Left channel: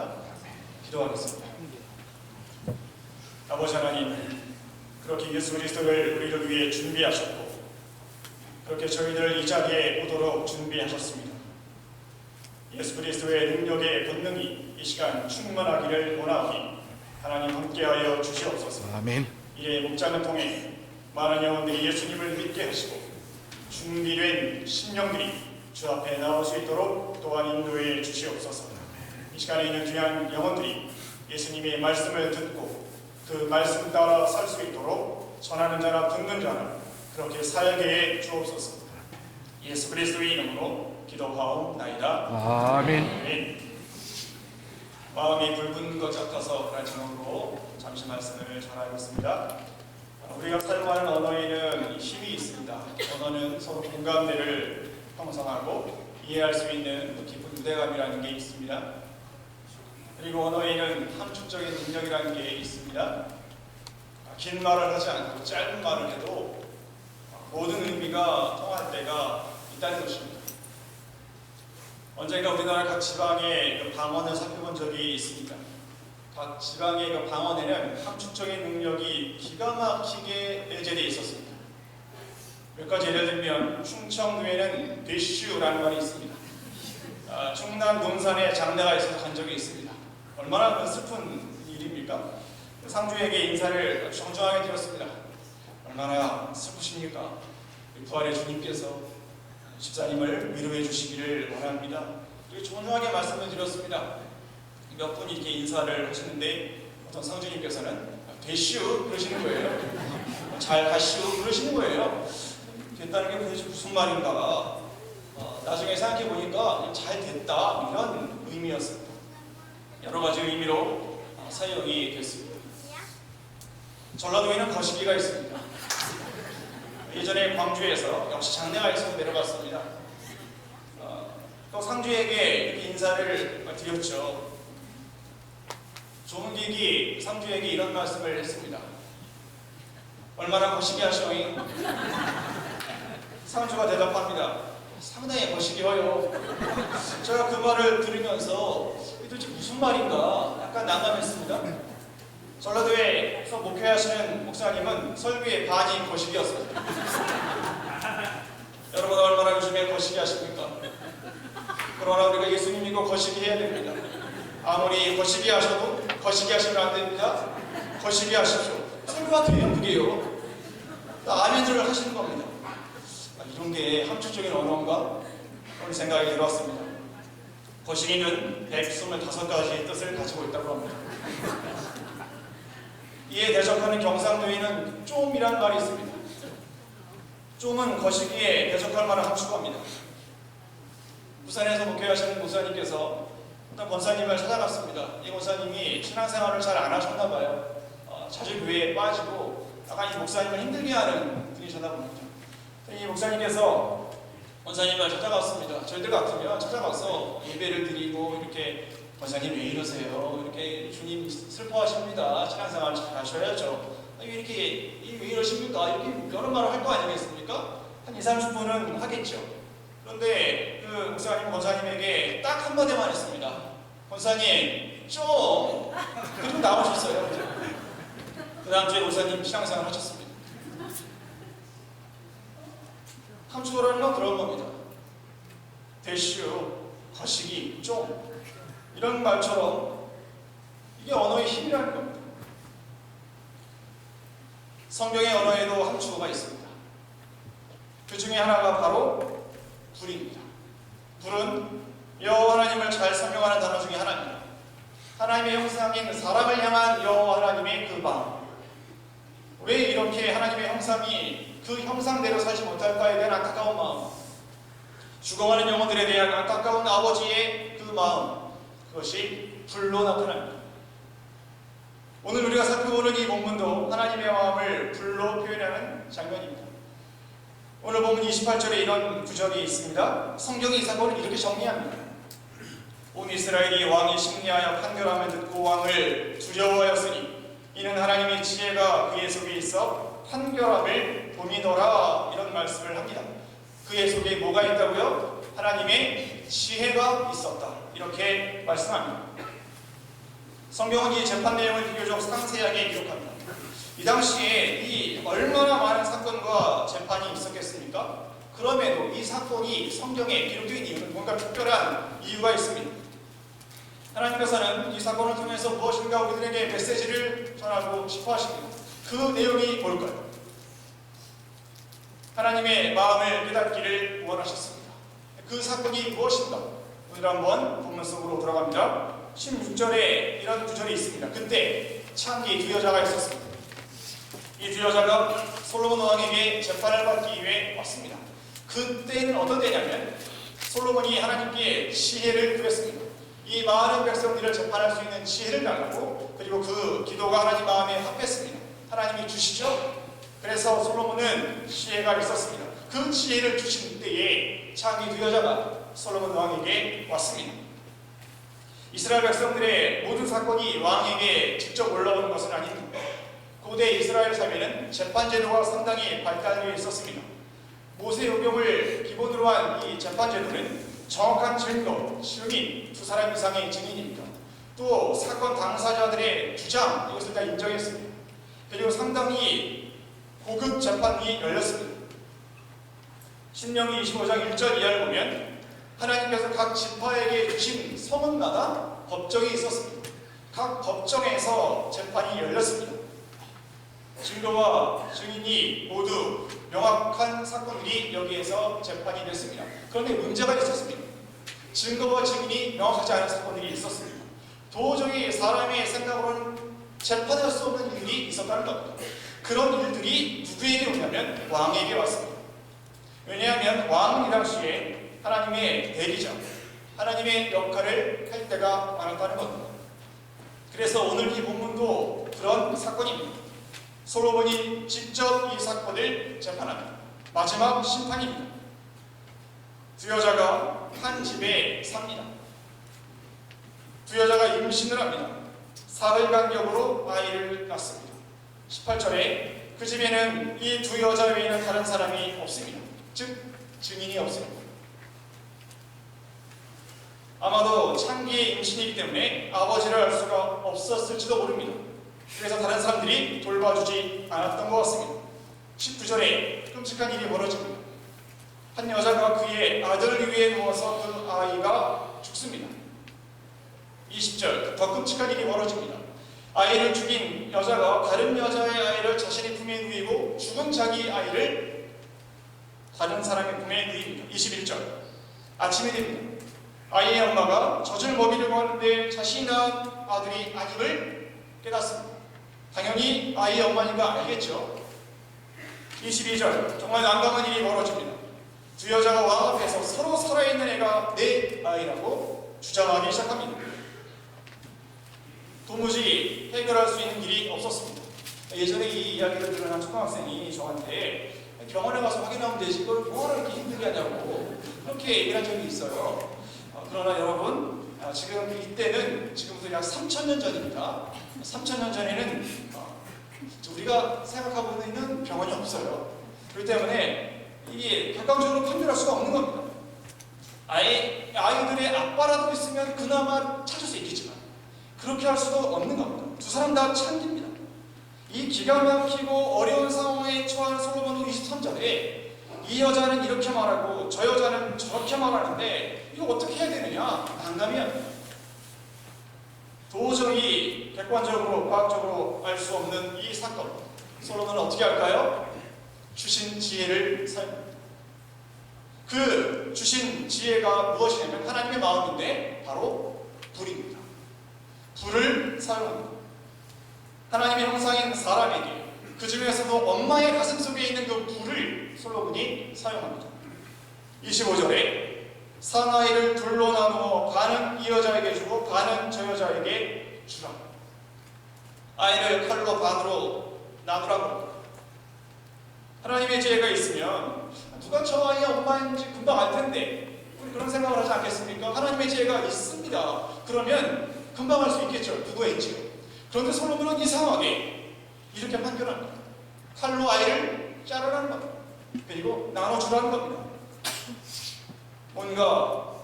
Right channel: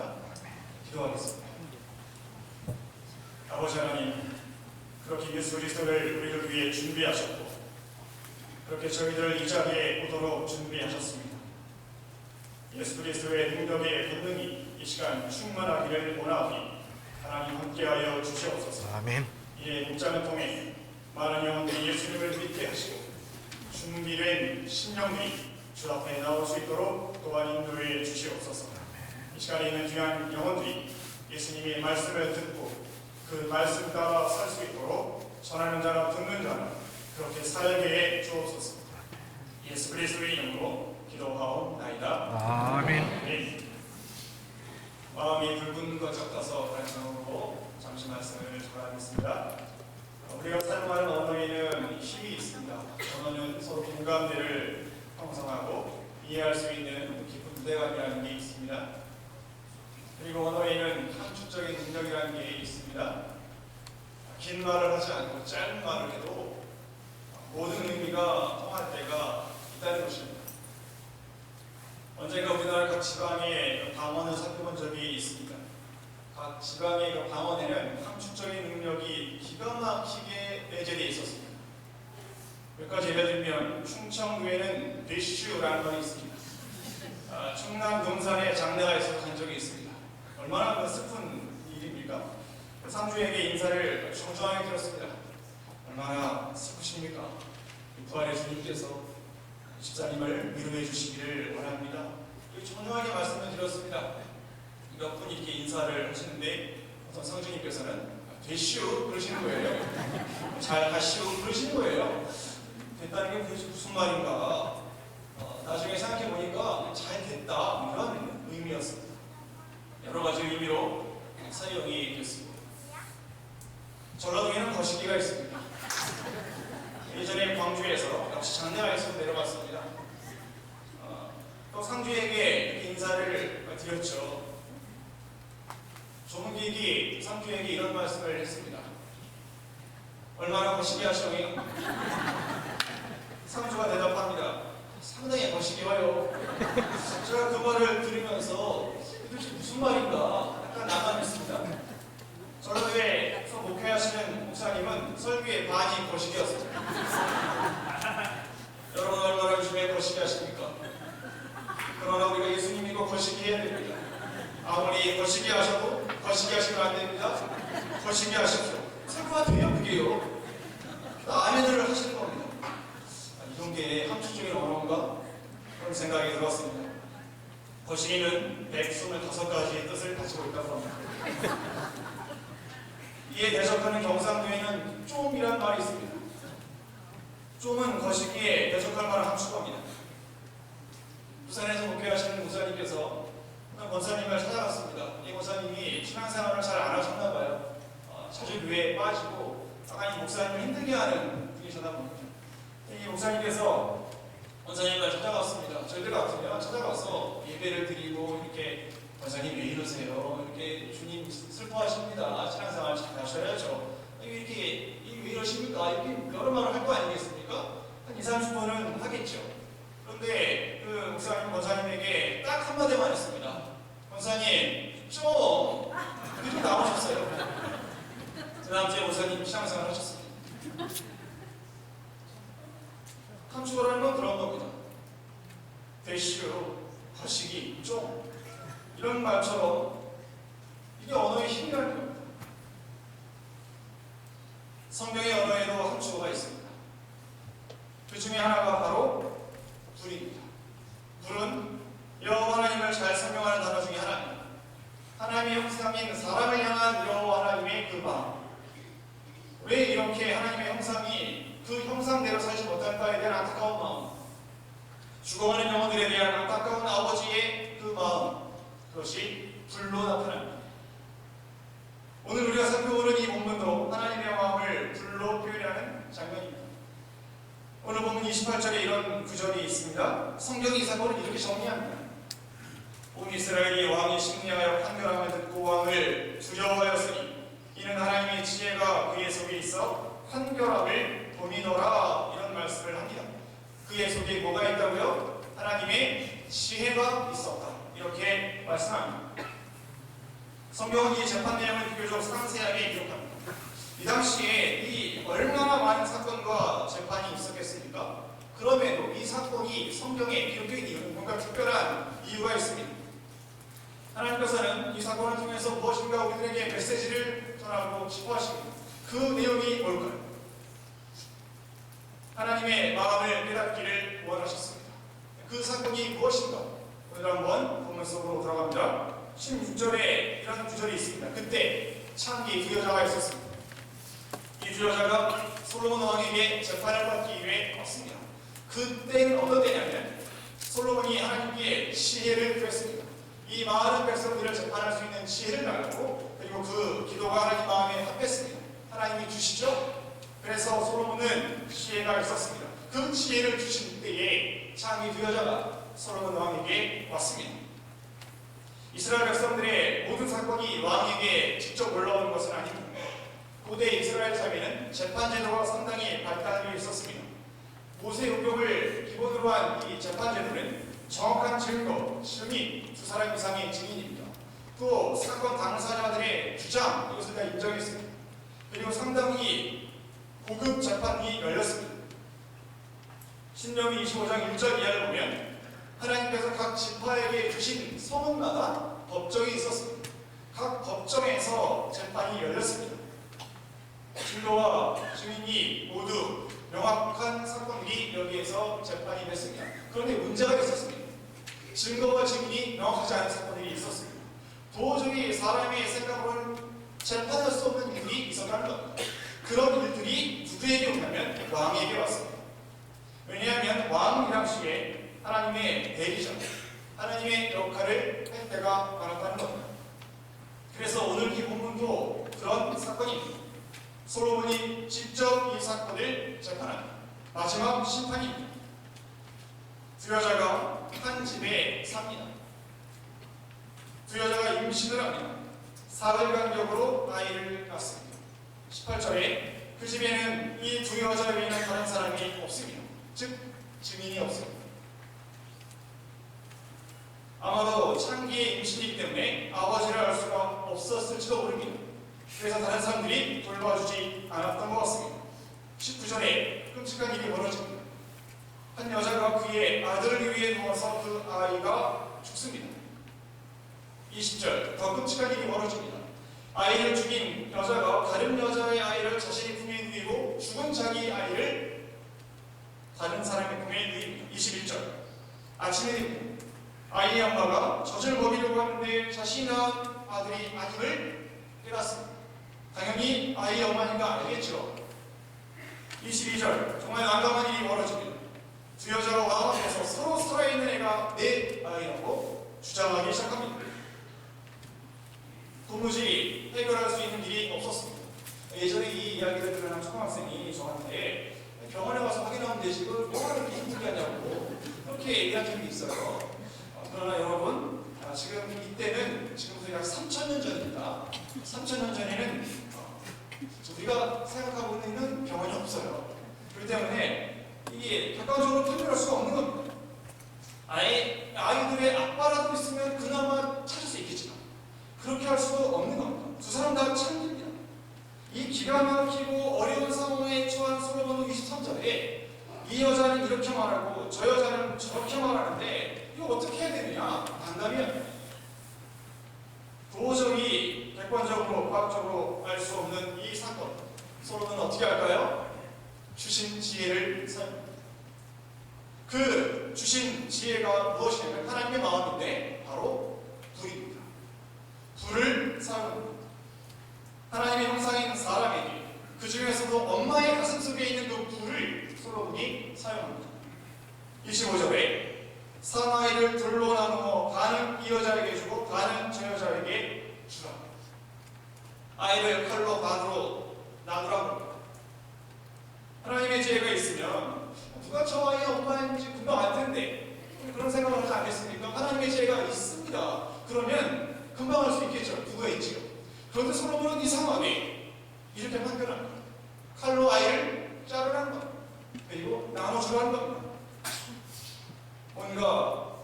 원합니다. 기도하겠습니다. 아버지 하나님, 그렇게 예수 그리스도를 우리를 위해 준비하셨고 그렇게 저희들 이 자리에 오도록 준비하셨습니다. 예수 그리스도의 능력의 권능이 이 시간 충만하기를 원하오니 하나님 함께하여 주시옵소서. 아멘. 이에 목장을 통해 많은 영혼들이 예수님을 믿게 하시고 준비된 심령들이 주 앞에 나올 수 있도록 또한 인도해 주시옵소서. 이 시간에 있는 귀한 영혼들이 예수님의 말씀을 듣고 그 말씀 따라 살 수 있도록 전하는 자나 듣는 자나 그렇게 살게 해 주옵소서. 예수 그리스도의 이름으로 기도하옵나이다. 아멘. 마음이 붉은 것 같아서 그런 제목으로 잠시 말씀을 전하겠습니다. 우리가 사용하는 언어에는 힘이 있습니다. 언어는 서로 공감대를 형성하고 이해할 수 있는 깊은 유대감이라는 게 있습니다. 그리고 언어에는 함축적인 능력이라는 게 있습니다. 긴 말을 하지 않고 짧은 말을 해도 모든 의미가 통할 때가 있다는 것입니다. 언젠가 우리나라 각 지방의 방언을 살펴본 적이 있습니다. 각 지방의 방언에는 함축적인 능력이 기가 막히게 내재되어 있었습니다. 몇 가지 예를 들면 충청도에는 되슈라는 말이 있습니다. 충남 논산에 장례가 있어서 간 적이 있습니다. 얼마나 슬픈 일입니까? 상주에게 인사를 정중하게 드렸습니다. 얼마나 슬프십니까? 부활의 주님께서 집사님을 위로해 주시기를 원합니다. 정중하게 말씀을 드렸습니다. 몇 분이 이렇게 인사를 하시는데 어떤 성주님께서는 되시오 그러시는 거예요. 잘 가시오 그러시는 거예요. 됐다는 게 무슨 말인가. 나중에 생각해 보니까 잘 됐다 이런 의미였습니다. 여러 가지 의미로 사용이 됐습니다. 전라도에는 거시기가 있습니다. 예전에 광주에서 역시 장례가 있어서 내려갔습니다. 또 상주에게 인사를 드렸죠. 조문객이 상주에게 이런 말씀을 했습니다. 얼마나 거시기 하셔잉? 상주가 대답합니다. 상당히 거시기해요. 제가 그 말을 들으면서 도대체 무슨 말인가 약간 난감했습니다. 전라도에서 목회하시는 목사님은 설교의 반이 거시기였습니다. 여러분 얼마나 요즘에 거시기 하십니까? 그러나 우리가 예수님 믿고 거시기 해야 됩니다. 아무리 거시기 하셔도 거시기 하시면 안 됩니다. 거시기 하십시오. 설교가 돼요 그게요. 아멘을 하시는 겁니다. 이런 게 함축적인 언어인가? 그런 생각이 들었습니다. 거시기는 125가지의 뜻을 가지고 있다고 합니다. 이에 대적하는 경상도에는 좀이라는 말이 있습니다. 좀은 거시기에 대적할 만한 함축어입니다. 부산에서 목회하시는 목사님께서 어떤 권사님을 찾아갔습니다. 이 권사님이 신앙생활을 잘 안 하셨나 봐요. 자주 교회에 빠지고 약간 이 목사님을 힘들게 하는 분이셨나 봅니다. 이 목사님께서 권사님을 찾아갔습니다. 저희들 같으면 찾아가서 예배를 드리고 이렇게 권사님 왜 이러세요? 이렇게 주님 슬퍼하십니다. 신앙생활 잘 하셔야죠. 왜 이러십니까? 이렇게 여러 말을 할 거 아니겠습니까? 한 2, 30분은 하겠죠. 그런데 그 목사님, 권사님에게 딱 한마디만 했습니다. 권사님, 좀 나오셨어요. 그 다음 주에 목사님 신앙생활 하셨습니다. 함축어라는 건 그런 겁니다. 대슈, 거시기, 좀 이런 말처럼 이게 언어의 힘이라는 겁니다. 성경의 언어에도 함축어가 있습니다. 그 중에 하나가 바로 불입니다. 불은 여호와 하나님을 잘 설명하는 단어 중에 하나입니다. 하나님의 형상인 사람을 향한 여호와 하나님의 그 마음. 왜 이렇게 하나님의 형상이 그 형상대로 살지 못할까에 대한 안타까운 마음, 죽어가는 영혼들에 대한 안타까운 아버지의 그 마음, 그것이 불로 나타납니다. 오늘 우리가 살펴보는 이 본문도 하나님의 마음을 불로 표현하는 장면입니다. 오늘 본문 28절에 이런 구절이 있습니다. 성경이 이 사건을 이렇게 정리합니다. 온 이스라엘이 왕이 심리하여 판결함을 듣고 왕을 두려워하였으니 이는 하나님의 지혜가 그의 속에 있어 판결함을 보이더라. 이런 말씀을 합니다. 그의 속에 뭐가 있다고요? 하나님의 지혜가 있었다. 이렇게 말씀합니다. 성경은 이 재판 내용을 비교적 상세하게 기록합니다. 이 당시에 이 얼마나 많은 사건과 재판이 있었겠습니까? 그럼에도 이 사건이 성경에 기록된 이유는 뭔가 특별한 이유가 있습니다. 하나님께서는 이 사건을 통해서 무엇인가 우리들에게 메시지를 전하고 싶어 하십니다. 그 내용이 뭘까요? 하나님의 마음을 깨닫기를 원하셨습니다. 그 사건이 무엇인가? 오늘 한번 본문 속으로 들어갑니다. 16절에 이런 구절이 있습니다. 그때 창기 두 여자가 있었습니다. 이 두 여자가 솔로몬 왕에게 재판을 받기 위해 왔습니다. 그때는 어떤 때냐면 솔로몬이 하나님께 지혜를 구했습니다. 이 많은 백성들을 재판할 수 있는 지혜를 달라고, 그리고 그 기도가 하나님 마음에 합했습니다. 하나님이 주시죠. 그래서 솔로몬은 지혜가 있었습니다. 그 지혜를 주신 때에 창기 두 여자가 솔로몬 왕에게 왔습니다. 이스라엘 백성들의 모든 사건이 왕에게 직접 올라오는 것은 아닙니다. 고대 이스라엘 사회는 재판제도가 상당히 발달되어 있었습니다. 모세오경을 기본으로 한 이 재판제도는 정확한 증거, 증인, 두 사람 이상의 증인입니다. 또 사건 당사자들의 주장, 이것을 다 인정했습니다. 그리고 상당히 고급 재판이 열렸습니다. 신명기 25장 1절 이하를 보면 하나님께서 각 지파에게 주신 성읍마다 법정이 있었습니다. 각 법정에서 재판이 열렸습니다. 증거와 증인이 모두 명확한 사건들이 여기에서 재판이 됐습니다. 그런데 문제가 있었습니다. 증거와 증인이 명확하지 않은 사건들이 있었습니다. 도저히 사람의 생각으로는 재판할 수 없는 일이 있었다는 겁니다. 그런 일들이 누구에게 오냐면 왕에게 왔습니다. 왜냐하면 왕은 이 당시에 하나님의 대리자, 하나님의 역할을 할 때가 많았다는 겁니다. 그래서 오늘 이 본문도 그런 사건입니다. 솔로몬이 직접 이 사건을 재판한 마지막 심판입니다. 두 여자가 한 집에 삽니다. 두 여자가 임신을 합니다. 사흘 간격으로 아이를 낳습니다. 18절에 그 집에는 이 두 여자 외에는 다른 사람이 없습니다. 즉 증인이 없습니다. 아마도 창기의 임신이기 때문에 아버지를 알 수가 없었을지도 모릅니다. 그래서 다른 사람들이 돌봐주지 않았던 것 같습니다. 19절에 끔찍한 일이 벌어집니다. 한 여자가 그의 아들 위에 누워서 그 아이가 죽습니다. 20절 더 끔찍한 일이 벌어집니다. 아이를 죽인 여자가 다른 여자의 아이를 자신의 품에 누이고 죽은 자기 아이를 다른 사람의 품에 누입니다. 21절 아침이 됩니다. 아이의 엄마가 젖을 먹이려고 하는데 자신이 낳은 아들이 아님을 깨닫습니다. 당연히 아이의 엄마니까 알겠죠. 22절 정말 난감한 일이 벌어집니다. 두 여자가 왕 앞에서 서로 살아있는 애가 내 아이라고 주장하기 시작합니다. 도무지 해결할 수 있는 길이 없었습니다. 예전에 이 이야기를 들은 한 초등학생이 저한테 병원에 가서 확인하면 되지 그걸 뭐하러 이렇게 힘들게 하냐고 그렇게 얘기한 적이 있어요. 그러나 여러분 지금 이때는 지금부터 약 3,000년 전입니다. 3,000년 전에는 우리가 생각하고 있는 병원이 없어요. 그렇기 때문에 이게 객관적으로 판별할 수가 없는 겁니다. 아예 아이들의 아빠라도 있으면 그나마 찾을 수 있겠지만 그렇게 할 수도 없는 겁니다. 두 사람 다 참깁니다. 이 기가 막히고 어려운 상황에 처한 솔로몬은 23절에 이 여자는 이렇게 말하고 저 여자는 저렇게 말하는데 이거 어떻게 해야 되느냐 난감해요. 도저히 객관적으로 과학적으로 알 수 없는 이 사건 솔로몬은 어떻게 할까요? 주신 지혜를 사용합니다. 그 주신 지혜가 무엇이냐면 하나님의 마음인데 바로 불입니다. 불을 사용합니다. 하나님의 형상인 사람에게 그 중에서도 엄마의 가슴 속에 있는 그 불을 솔로몬이 사용합니다. 25절에 사나이를 둘로 나누어 반은 이 여자에게 주고 반은 저 여자에게 주라. 아이를 칼로 반으로 나누라고 합니다. 하나님의 지혜가 있으면 누가 저 아이의 엄마인지 금방 알 텐데 우리 그런 생각을 하지 않겠습니까? 하나님의 지혜가 있습니다. 그러면 금방 알 수 있겠죠. 누구인지요. 그런데 솔로몬은 이상하게 이렇게 판결합니다. 칼로 아이를 자르라는 겁니다. 그리고 나눠주라는 겁니다. 뭔가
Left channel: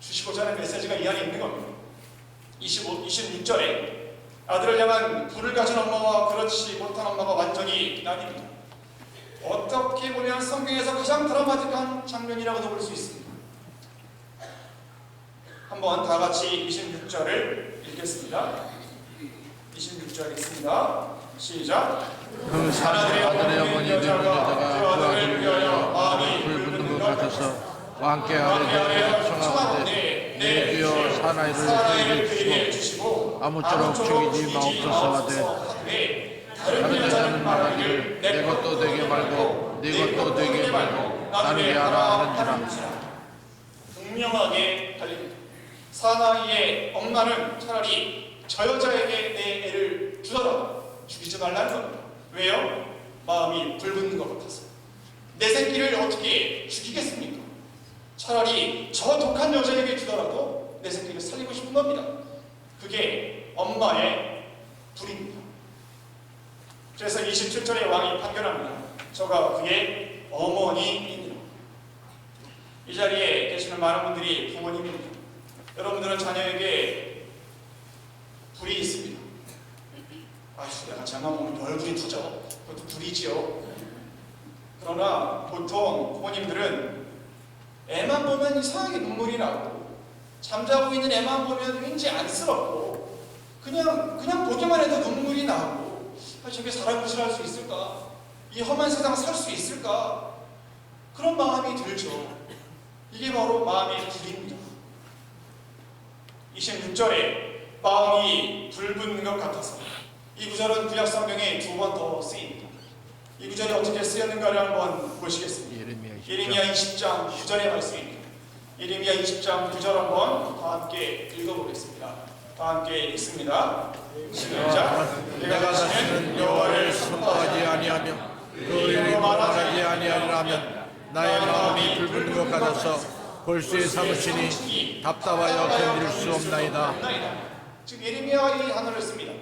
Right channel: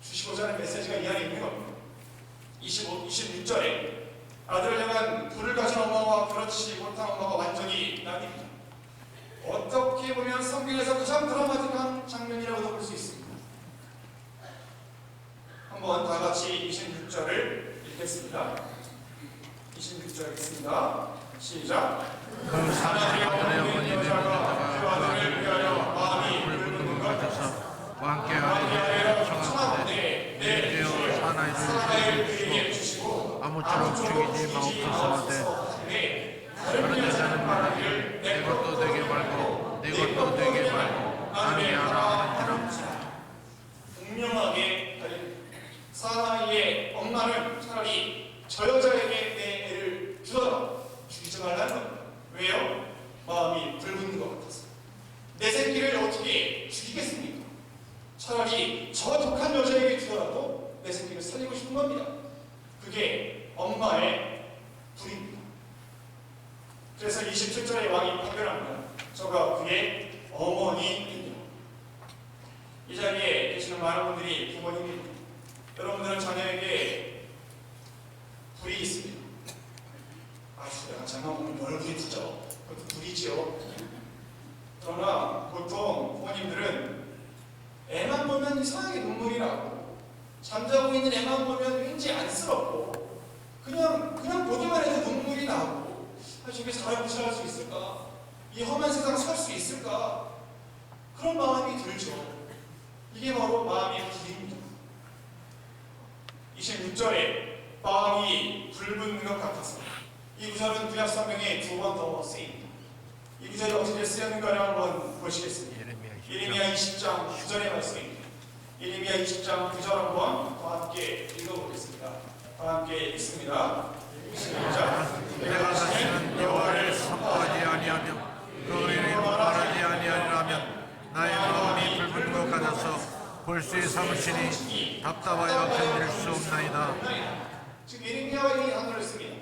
주시고자 하는 메시지가 이 안에 있는 겁니다. 26절에 아들을 향한 불을 가진 엄마와 그렇지 못한 엄마가 완전히 나뉩니다. 어떻게 보면 성경에서 가장 드라마틱한 장면이라고도 볼 수 있습니다. 한번 다 같이 26절을 읽겠습니다. 26절 읽습니다. 시작. 하나님의 어머니는 여자가 그 아들을 위하여 마음이 불붙는 것 같아서 왕께하여 청하건대 내 주여 사나이를 그에게 주시고 아무쪼록 죽이지 마옵소서 하시되 다른 여자는 말하기를 내 것도 되게 말고 내 것도 되게 말고 나중에 하라 하는지라. 분명하게 달립니다. 사나이의 엄마는 차라리 저 여자에게 내 애를 주더라 죽이지 말라는 겁니다. 왜요? 마음이 불붙는 것 같아서. 내 새끼를 어떻게 죽이겠습니까? 차라리 저 독한 여자에게 주더라도 내 새끼를 살리고 싶은 겁니다. 그게 엄마의 불입니다. 그래서 27절에 왕이 판결합니다. 저가 그의 어머니입니다. 이 자리에 계시는 많은 분들이 부모님입니다. 여러분들은 자녀에게 불이 있습니다. 야, 장난 보면 별불이 붙죠. 그것도 불이지요. 그러나 보통 부모님들은 애만 보면 이상하게 눈물이 나고 잠자고 있는 애만 보면 왠지 안쓰럽고 그냥 보기만 해도 눈물이 나고 저게 살아보시할 수 있을까? 이 험한 세상 살 수 있을까? 그런 마음이 들죠. 이게 바로 마음의 불입니다. 26절에 마음이 불붙는 것 같았습니다. 이 구절은 구약 성경에 두 번 더 쓰입니다. 이 구절이 어떻게 쓰였는가를 한번 보시겠습니다. 예레미야 20장 9절의 말씀입니다. 예레미야 20장 9절 한번 다 함께 읽어보겠습니다. 다 함께 읽습니다. 시작. 내가 다시는 여호와를 선포하지 아니하며 그 이름으로 말하지 아니하면 나의 마음이 불불 같아서 볼수에 삼으시니 답답하여 견딜 수 없나이다. 즉 예레미야가 이 단어를 씁니다.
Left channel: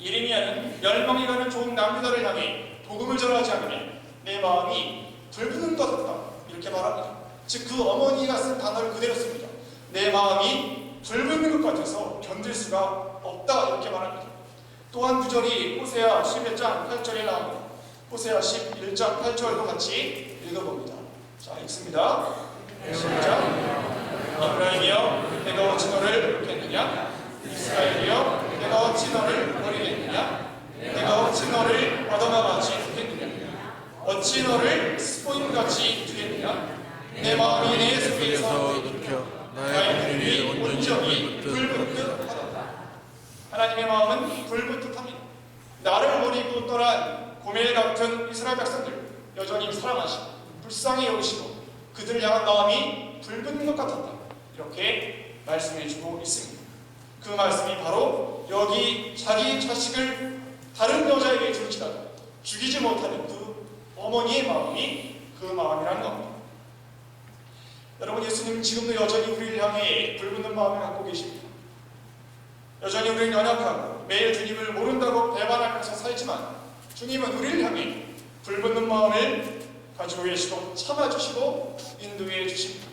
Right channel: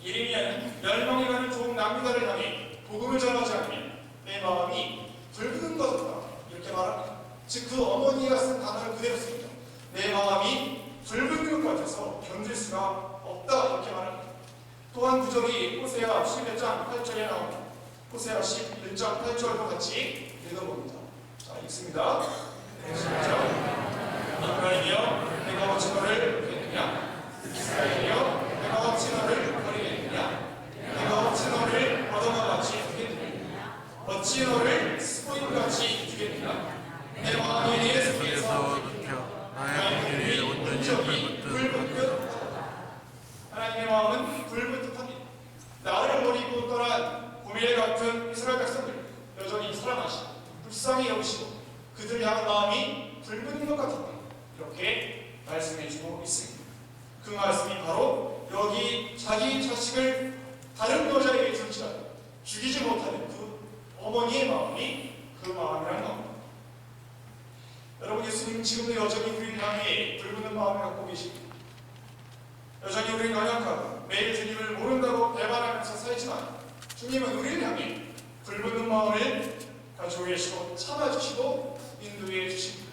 예레미야는 멸망이 가는 종 남유다를 향해 복음을 전하지 않으면 내 마음이 불붙는 것 같다 이렇게 말합니다. 즉 그 어머니가 쓴 단어를 그대로 씁니다. 내 마음이 불붙는 것 같아서 견딜 수가 없다 이렇게 말합니다. 또한 구절이 호세아 11장 8절에 나옵니다. 호세아 11장 8절도 같이 읽어봅니다. 자, 읽습니다. 시작. 이스라엘이여 내가 어찌 너를 놓겠느냐? 이스라엘이여 내가 어찌 너를 버리겠느냐? 내가 어찌 너를 바다나같이 두겠느냐? 어찌 너를 스포인같이 두겠느냐? 내 마음이 내 속에서 나의 눈이 온전히 불붙듯 하나님의 마음은 불붙듯합니다. 나를 버리고 떠난 고멜 같은 이스라엘 백성들 여전히 사랑하시고 불쌍히 여기시고 그들 향한 마음이 불붙는 것 같았다 이렇게 말씀해주고 있습니다. 그 말씀이 바로 여기 자기 자식을 다른 여자에게 줄지라도 죽이지 못하는 그 어머니의 마음이 그 마음이란 겁니다. 여러분, 예수님은 지금도 여전히 우리를 향해 불붙는 마음을 갖고 계십니다. 여전히 우리는 연약하고 매일 주님을 모른다고 배반하면서 살지만 주님은 우리를 향해 불붙는 마음을 가지고 계시고 참아주시고 인도해 주십니다.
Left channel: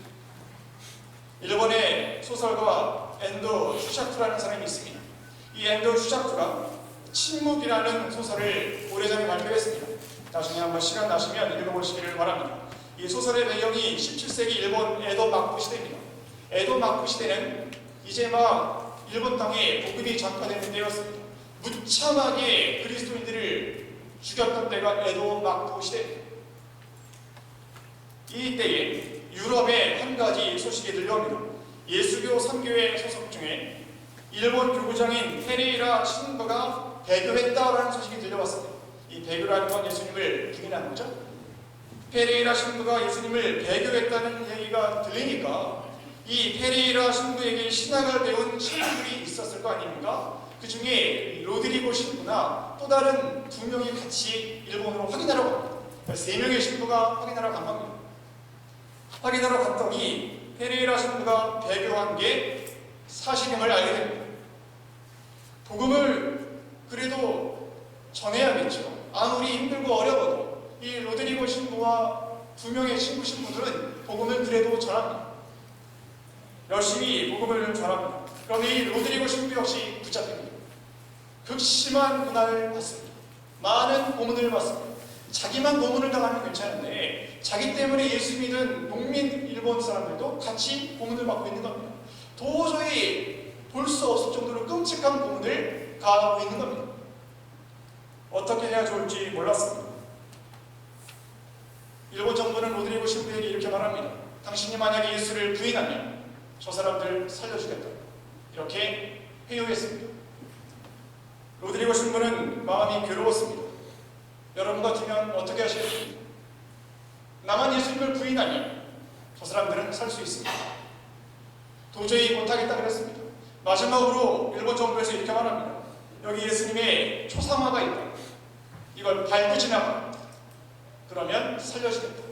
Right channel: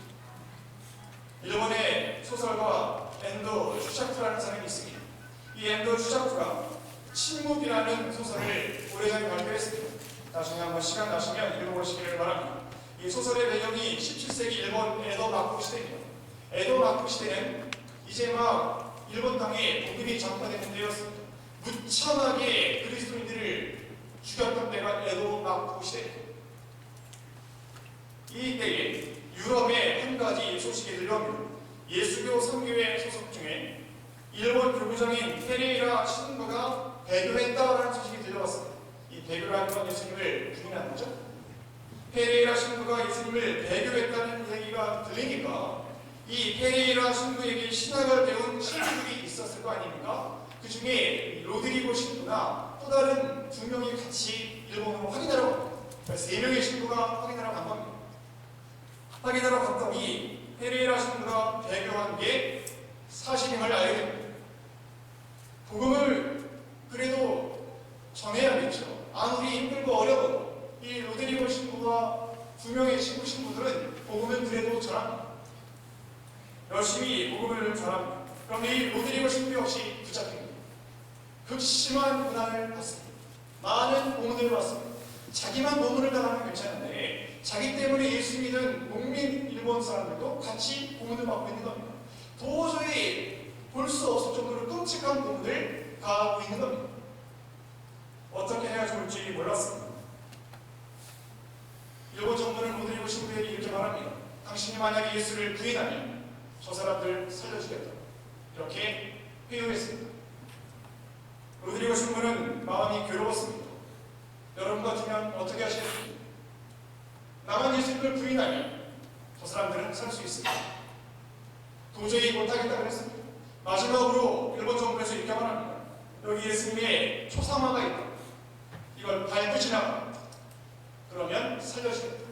일본의 소설가 엔도 슈샤쿠라는 사람이 있습니다. 이 엔도 슈샤쿠가 침묵이라는 소설을 오래전에 발표했습니다. 나중에 한번 시간 나시면 읽어보시기를 바랍니다. 이 소설의 배경이 17세기 일본 에도 막부 시대입니다. 에도 막부 시대는 이제 막 일본 땅에 복음이 전파되는 때였습니다. 무참하게 그리스도인들을 죽였던 때가 에도 막부 시대입니다. 이때에 유럽의 한 가지 소식이 들려옵니다. 예수교 선교회 소속 중에 일본 교구장인 페레이라 신부가 배교했다라는 소식이 들려왔습니다. 이 배교라는 건 예수님을 부인하는 거죠. 페레이라 신부가 예수님을 배교했다는 얘기가 들리니까 이 페레이라 신부에게 신학을 배운 친구들이 있었을 거 아닙니까? 그 중에 로드리고 신부나 또 다른 두 명이 같이 일본으로 확인하러 갑니다. 세 명의 신부가 확인하러 간 겁니다. 확인하러 갔더니 페레이라 신부가 배교한 게 사실임을 알게 됩니다. 복음을 그래도 전해야겠죠. 아무리 힘들고 어려워도 이 로드리고 신부와 두 명의 신부들은 복음을 그래도 전합니다. 열심히 복음을 전합니다. 그런데 이 로드리고 신부 역시 붙잡힙니다. 극심한 고난을 받습니다. 많은 고문을 받습니다. 자기만 고문을 당하면 괜찮은데 자기 때문에 예수 믿은 농민 일본 사람들도 같이 고문을 받고 있는 겁니다. 도저히 볼 수 없을 정도로 끔찍한 고문을 가하고 있는 겁니다. 어떻게 해야 좋을지 몰랐습니다. 일본 정부는 로드리고 신부에게 이렇게 말합니다. 당신이 만약에 예수를 부인하면 저 사람들 살려주겠다. 이렇게 회유했습니다. 로드리고 신부는 마음이 괴로웠습니다. 여러분 같으면 어떻게 하시겠습니까? 나만 예수님을 부인하면 저 사람들은 살 수 있습니다. 도저히 못하겠다 그랬습니다. 마지막으로 일본 정부에서 이렇게 말합니다. 여기 예수님의 초상화가 있다. 이걸 밟고 지나가. 그러면 살려주겠다.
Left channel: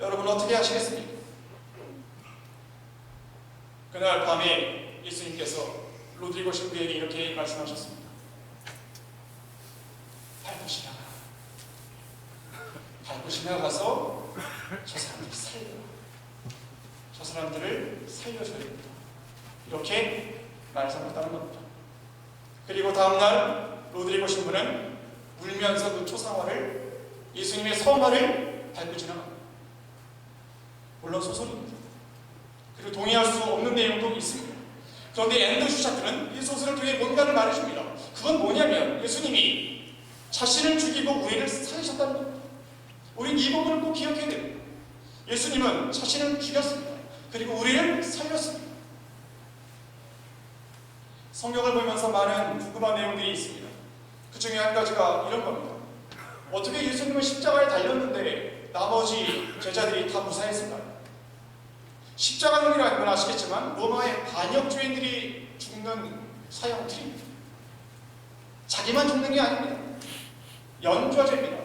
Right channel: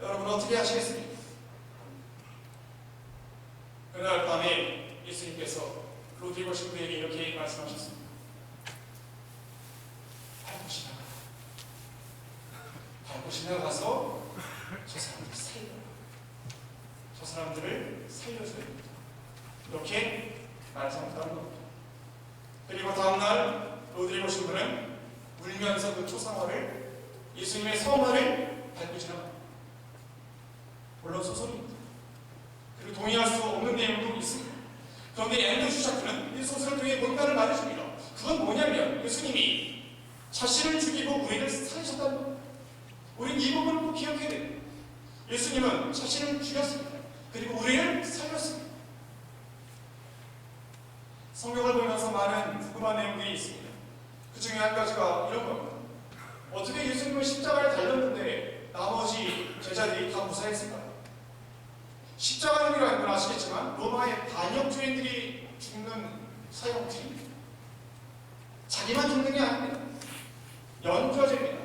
여러분 어떻게 하시겠습니까? 그날 밤에 예수님께서 로드리고 신부에게 이렇게 말씀하셨습니다. 밟고 지나가. 밟고 지나가서 저 사람들을 살려. 저 사람들을 살려줘야 됩니다. 이렇게 말씀하셨다는 겁니다. 그리고 다음날 로드리고 신부는 울면서 그 초상화를 예수님의 성화를 밟고 지나갑니다. 물론 소설입니다. 그리고 동의할 수 없는 내용도 있습니다. 그런데 앤드류 샤크는 이 소설을 통해 뭔가를 말해줍니다. 그건 뭐냐면 예수님이 자신을 죽이고 우리를 살리셨다는 겁니다. 우린 이 부분을 꼭 기억해야 됩니다. 예수님은 자신을 죽였습니다. 그리고 우리를 살렸습니다. 성경을 보면서 많은 궁금한 내용들이 있습니다. 그 중에 한 가지가 이런 겁니다. 어떻게 예수님은 십자가에 달렸는데 나머지 제자들이 다 무사했을까요? 십자가형이라는 건 아시겠지만 로마의 반역죄인들이 죽는 사형틀입니다. 자기만 죽는 게 아닙니다. 연좌제입니다.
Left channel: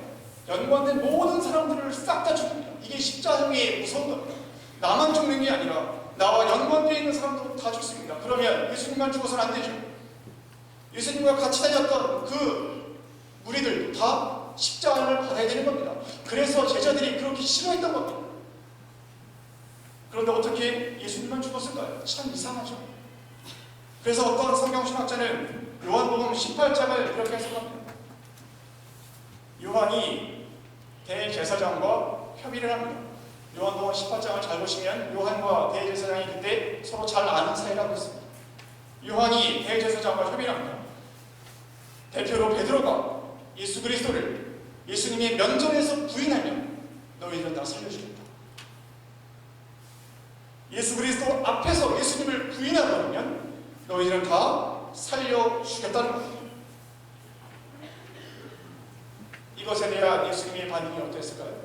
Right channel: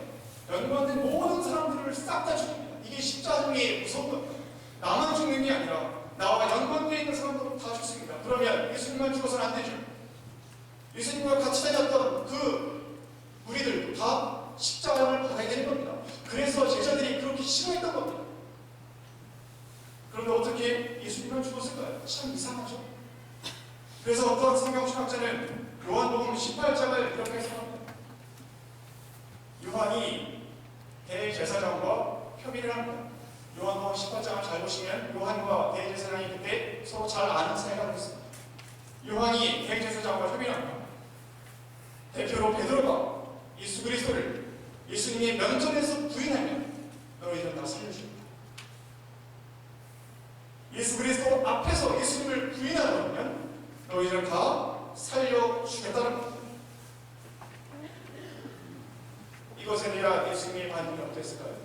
연관된 모든 사람들을 싹 다 죽입니다. 이게 십자가형의 무서운 겁니다. 나만 죽는 게 아니라 나와 연관되어 있는 사람들은 다 죽습니다. 그러면 예수님만 죽어서는 안 되죠. 예수님과 같이 다녔던 그 무리들도 다 십자가를 받아야 되는 겁니다. 그래서 제자들이 그렇게 싫어했던 겁니다. 그런데 어떻게 예수님만 죽었을까요? 참 이상하죠. 그래서 어떤 성경신학자는 요한복음 18장을 이렇게 해석합니다. 요한이 대제사장과 협의를 합니다. 요한복음 18장을 잘 보시면 요한과 대제사장이 그때 서로 잘 아는 사이라고 했습니다. 요한이 대제사장과 협의를 합니다. 대표로 베드로가 예수 그리스도를 예수님의 면전에서 부인하면 너희들은 다 살려주겠다. 예수 그리스도 앞에서 예수님을 부인하면 너희들은 다 살려주겠다는 겁니다. 이것에 대한 예수님의 반응이 어땠을까요?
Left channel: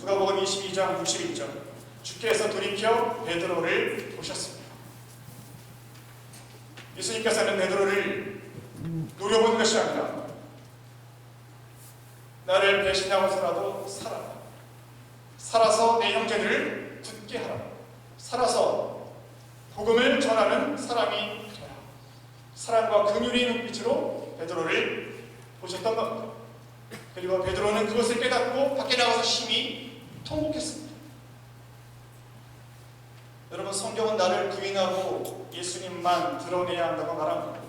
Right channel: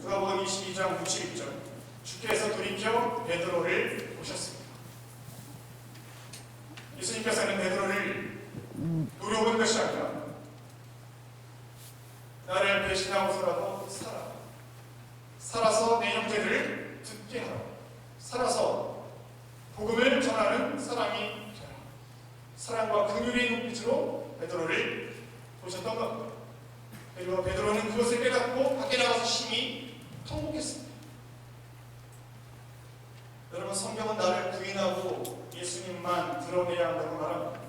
누가복음 22장 61절 주께서 돌이켜 베드로를 보셨습니다. 예수님께서는 베드로를 노려보는 것이 아니라 나를 배신하고서라도 살아서 내 형제들을 듣게 하라. 살아서 복음을 전하는 사람이 되라. 사랑과 긍휼의 눈빛으로 베드로를 보셨던 겁니다. 그리고 베드로는 그것을 깨닫고 밖에 나가서 심히 통곡했습니다. 여러분, 성경은 나를 부인하고 예수님만 드러내야 한다고 말합니다.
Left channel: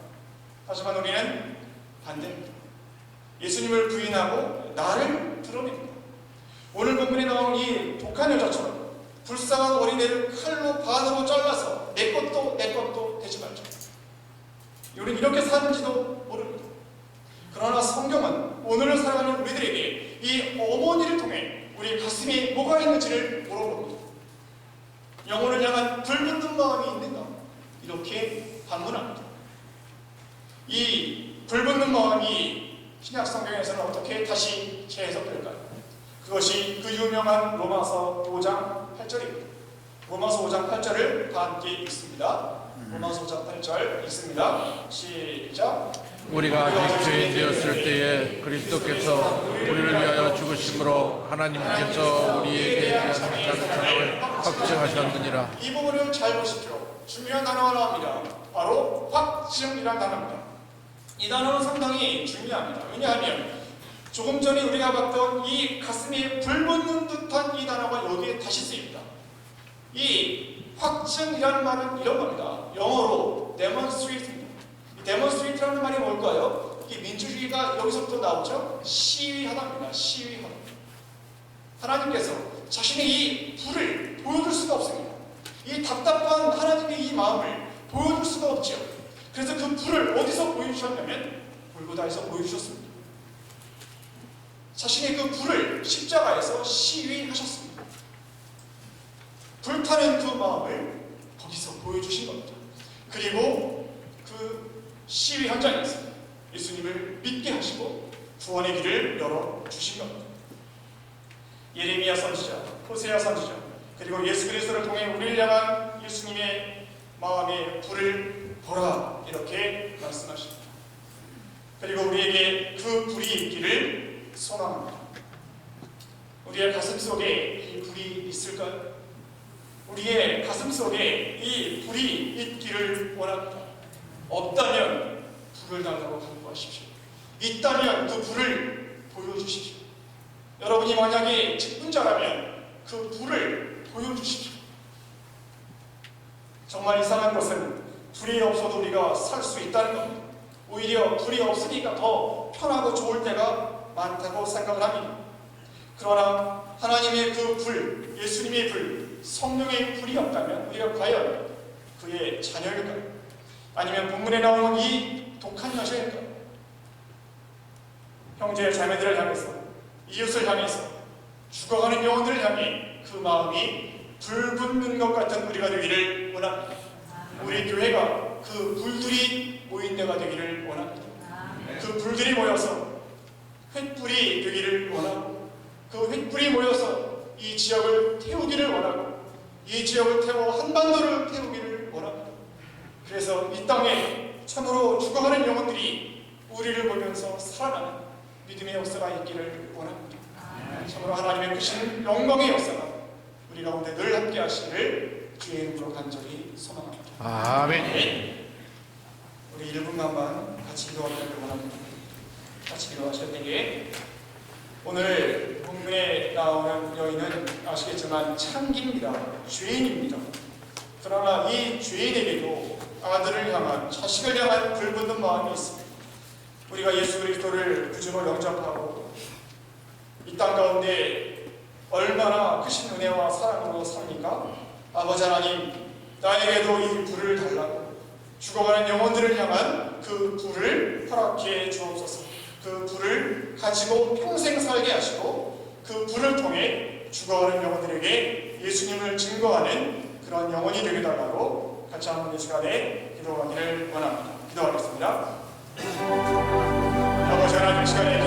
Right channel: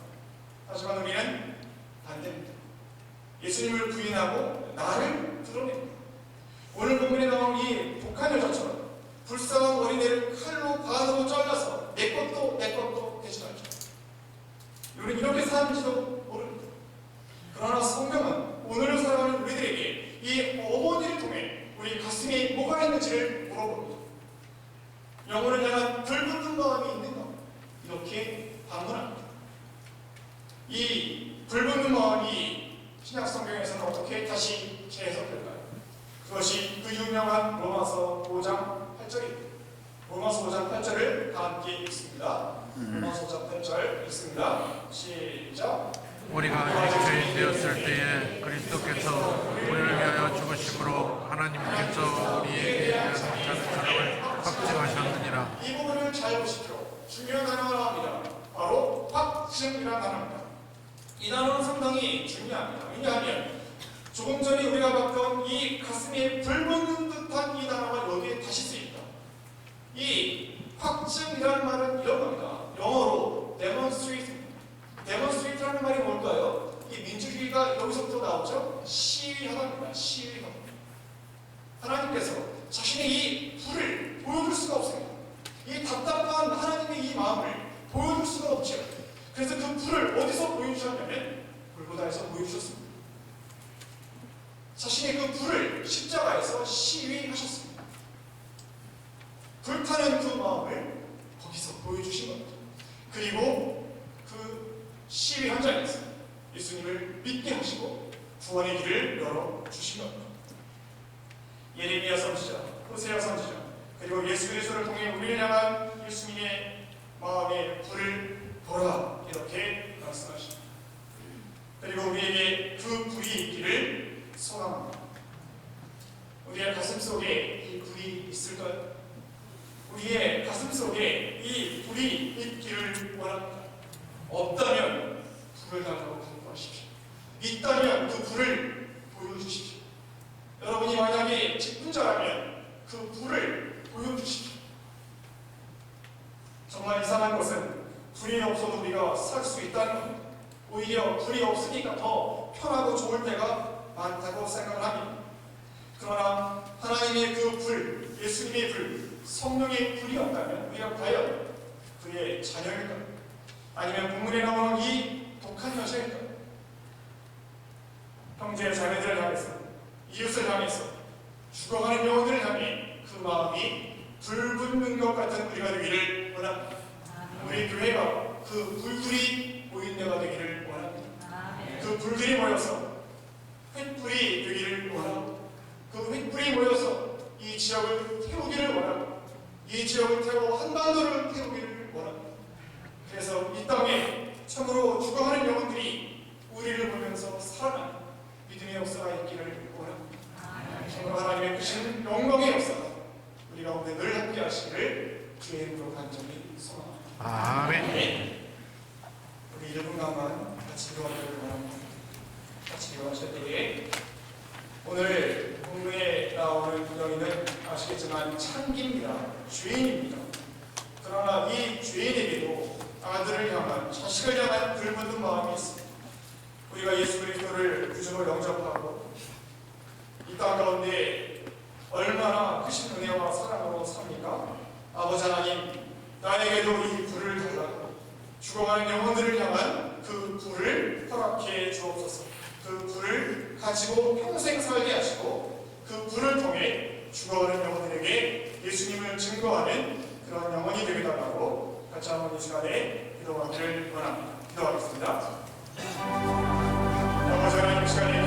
하지만 우리는 반대입니다. 예수님을 부인하고 나를 드러냅니다. 오늘 본문에 나온 이 독한 여자처럼 불쌍한 어린애를 칼로 반으로 잘라서 내 것도 되지 말자. 우리는 이렇게 사는지도 모릅니다. 그러나 성경은 오늘을 살아가는 우리들에게 이 어머니를 통해 우리 가슴에 뭐가 있는지를 물어봅니다. 영혼을 향한 불붙는 마음이 있는가? 이렇게 반문합니다. 이 불붙는 마음이 신약 성경에서는 어떻게 다시 재해석될까요? 그것이 그 유명한 로마서 5장 8절입니다. 로마서 5장 8절을 다 함께 읽습니다. 로마서 5장 8절 읽습니다. 시작. 우리가 죄인되었을 때에 그리스도께서 우리를 위하여 죽으심으로 하나님께서 우리에 대해 확증하셨느니라. 이 부분을 잘 보십시오. 중요한 단어가 나옵니다. 바로 확증이라는 단어입니다. 이 단어는 상당히 중요합니다. 왜냐하면 조금 전에 우리가 봤던 이 가슴에 불붙는 듯한 이 단어가 여기에 다시 쓰입니다. 이 확증이라는 말은 이런 겁니다. 영어 어디서부터 나오죠? 시위하답니다. 시위하다. 하나님께서 자신의 이 불을 보여줄 수가 없습니다. 이 답답한 하나님의 이 마음을 보여줄 수가 없죠. 그래서 그 불을 어디서 보여주셨냐면 골고다에서 보여주셨습니다. 자신의 그 불을 십자가에서 시위하셨습니다. 불타는 그 마음을 거기서 보여주신 겁니다. 그리고 그 시위 현장에서 예수님을 믿게 하시고 구원의 길을 열어주신 겁니다. 예레미야 선지자, 호세아 선지자, 그리고 예수 그리스도를 통해 우리를 향한 예수님의 마음의 불을 보라, 이렇게 말씀하십니다. 그리고 우리에게 그 불이 있기를 소망합니다. 우리의 가슴 속에 이 불이 있을까요? 우리의 가슴 속에 이 불이 있기를 원합니다. 없다면 불을 달라고 간구하십시오. 있다면 그 불을 보여주십시오. 여러분이 만약에 직분자라면 그 불을 보여주십시오. 정말 이상한 것은 불이 없어도 우리가 살 수 있다는 겁니다. 오히려 불이 없으니까 더 편하고 좋을 때가 많다고 생각을 합니다. 그러나 하나님의 그 불, 예수님의 불, 성령의 불이 없다면 우리가 과연 그의 자녀일까요? 아니면 본문에 나오는 이 독한 여자일까요? 형제의 자매들을 향해서, 이웃을 향해서, 죽어가는 영혼들을 향해 그 마음이 불 붙는 것 같은 우리가 되기를 원합니다. 우리 교회가 그 불들이 모인 데가 되기를 원합니다. 그 불들이 모여서 횃불이 되기를 원합니다. 그 횃불이 모여서 이 지역을 태우기를 원하고, 이 지역을 태워 한반도를 태우기를 원합니다. 그래서 이 땅에 참으로 죽어가는 영혼들이 우리를 보면서 살아나는 믿음의 역사가 있기를 원합니다. 참으로 하나님의 크신 영광의 역사가 우리 가운데 늘 함께 하시기를 주의 이름으로 간절히 소망합니다. 아멘. 우리 1분간만 같이 기도하기를 원합니다. 같이 기도하실 때에 오늘 본문에 나오는 여인은 아시겠지만 창기입니다. 죄인입니다. 그러나 이 죄인에게도 아들을 향한, 자식을 향한 불붙는 마음이 있습니다. 우리가 예수 그리스도를 구주로 영접하고 이 땅 가운데 얼마나 크신 은혜와 사랑으로 삽니까? 아버지 하나님, 나에게도 이 불을 달라고, 죽어가는 영혼들을 향한 그 불을 허락해 주옵소서. 그 불을 가지고 평생 살게 하시고 그 불을 통해 죽어가는 영혼들에게 예수님을 증거하는 그런 영혼이 되게 달라고 같이 한번 이 시간에 기도하기를 원합니다. 기도하겠습니다. 아버지 하나님, 이 시간에